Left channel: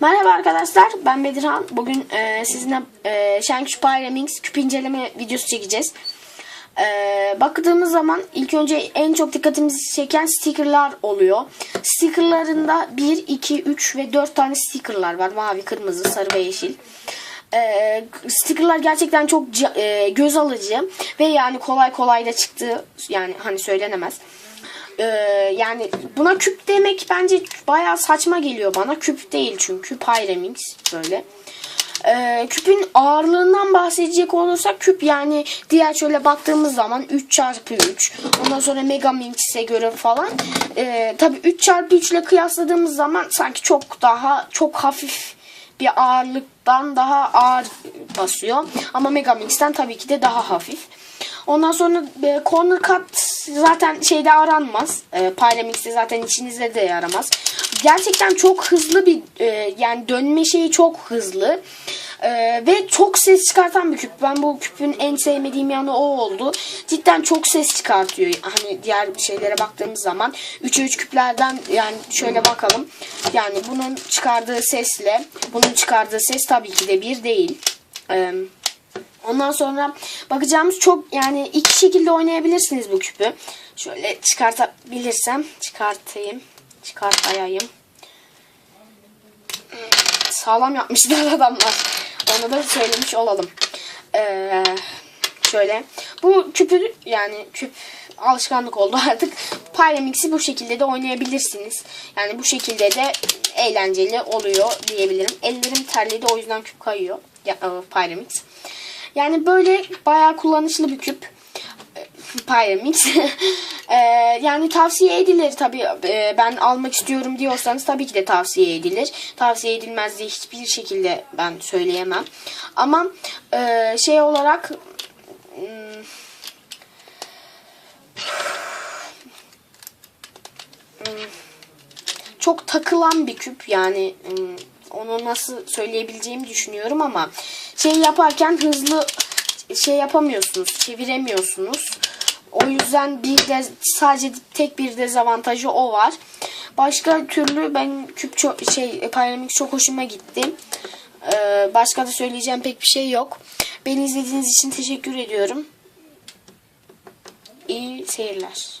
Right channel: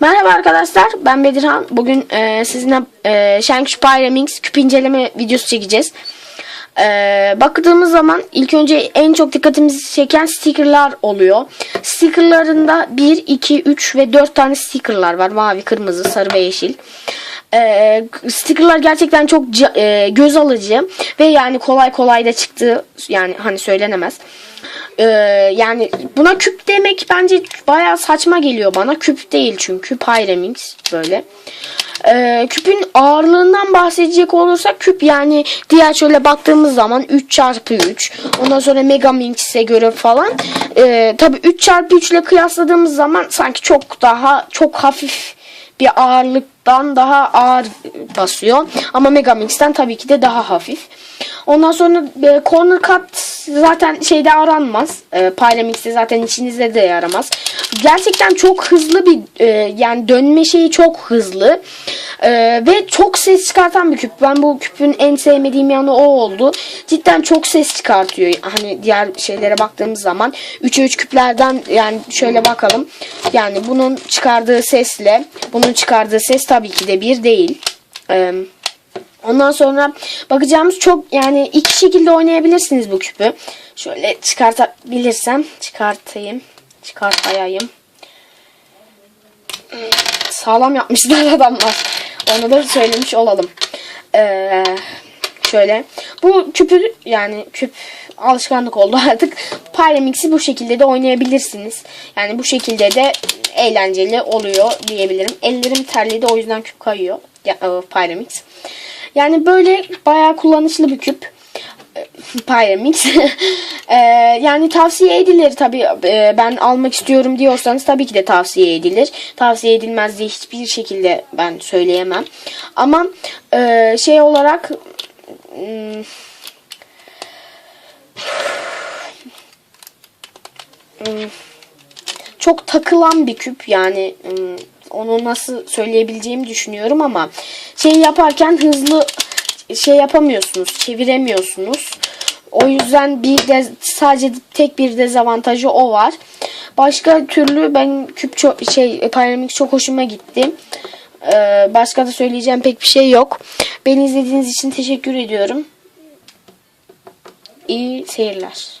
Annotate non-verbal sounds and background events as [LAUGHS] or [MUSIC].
Merhaba arkadaşlar ben Bedirhan. Bugün e, sizinle e, Shankush Pyramix küp inceleme videosu çekeceğiz. E, baktığımız zaman ilk önce en çok dikkatimizi çeken stickerlar oluyor. Stickerlarında 1, 2, 3 ve 4 tane stickerlar var. Mavi, kırmızı, sarı ve yeşil. E, stickerlar gerçekten çok e, göz alıcı ve yani kolay kolay da çıktığı yani hani söylenemez. Ee, yani buna küp demek bence bayağı saçma geliyor bana. Küp değil çünkü Pyramix böyle. Ee, küpün ağırlığından bahsedecek olursak küp yani diğer şöyle baktığımız zaman 3 çarpı 3 ondan sonra Megaminx'e göre falan ee, tabi 3 çarpı 3 ile kıyasladığımız zaman sanki çok daha çok hafif bir ağırlıktan daha ağır basıyor. Ama Megamix'ten tabii ki de daha hafif. Ondan sonra e, corner cut zaten şeyde aranmaz. E, Pyramix'te zaten içinizde de yaramaz. Gerçekten çok hızlı bir e, yani dönme şeyi çok hızlı. E, ve çok ses çıkartan bir küp. Ben bu küpün en sevmediğim yanı o oldu. Cidden çok ses çıkartıyor. Hani diğer şeylere baktığımız zaman 3'e 3 küplerden yani şöyle bakalım. Yani bunun çıkardığı sesle bunun çıkardığı ses tabii ki de bir değil. Eee Ondan sonra bakacağımız çok yani iki şekilde oynayabilirsiniz bu küpü. Şöyle çıkartabilirsem çıkartayım. Çıkartayım. Hmm, Sağlam yapmışlar [LAUGHS] adamlar. Onu da söylemiş olalım. Ee, şöyle. Bu küpü yani küp alışkanlık oldu [LAUGHS] artık. Pyramix'i bu şekilde de oynayabilirsiniz. Yani bu şekilde de eğlenceli oluyor diyebilirim. Ellerim terledi o yüzden küp kayıyor. Ya, e, Pyramix. Yani böyle bayağı kullanışlı bir küp. E, Pyramix. [LAUGHS] E, yani tavsiye edilir tabi ben almak istiyorum diyorsanız tabii ki de tavsiye edilir. Tavsiye edilmez diye hiçbir şekilde ben söyleyemem. Ama e, şey olarak hmm, hmm, çok takılan bir küp yani hmm, onu nasıl söyleyebileceğimi düşünüyorum ama şey yaparken hızlı şey yapamıyorsunuz, çeviremiyorsunuz. O yüzden bir de sadece tek bir dezavantajı o var. Başka türlü ben küp çok şey Pyramix çok hoşuma gitti. Ee, başka da söyleyeceğim pek bir şey yok. Beni izlediğiniz için teşekkür ediyorum. İyi seyirler.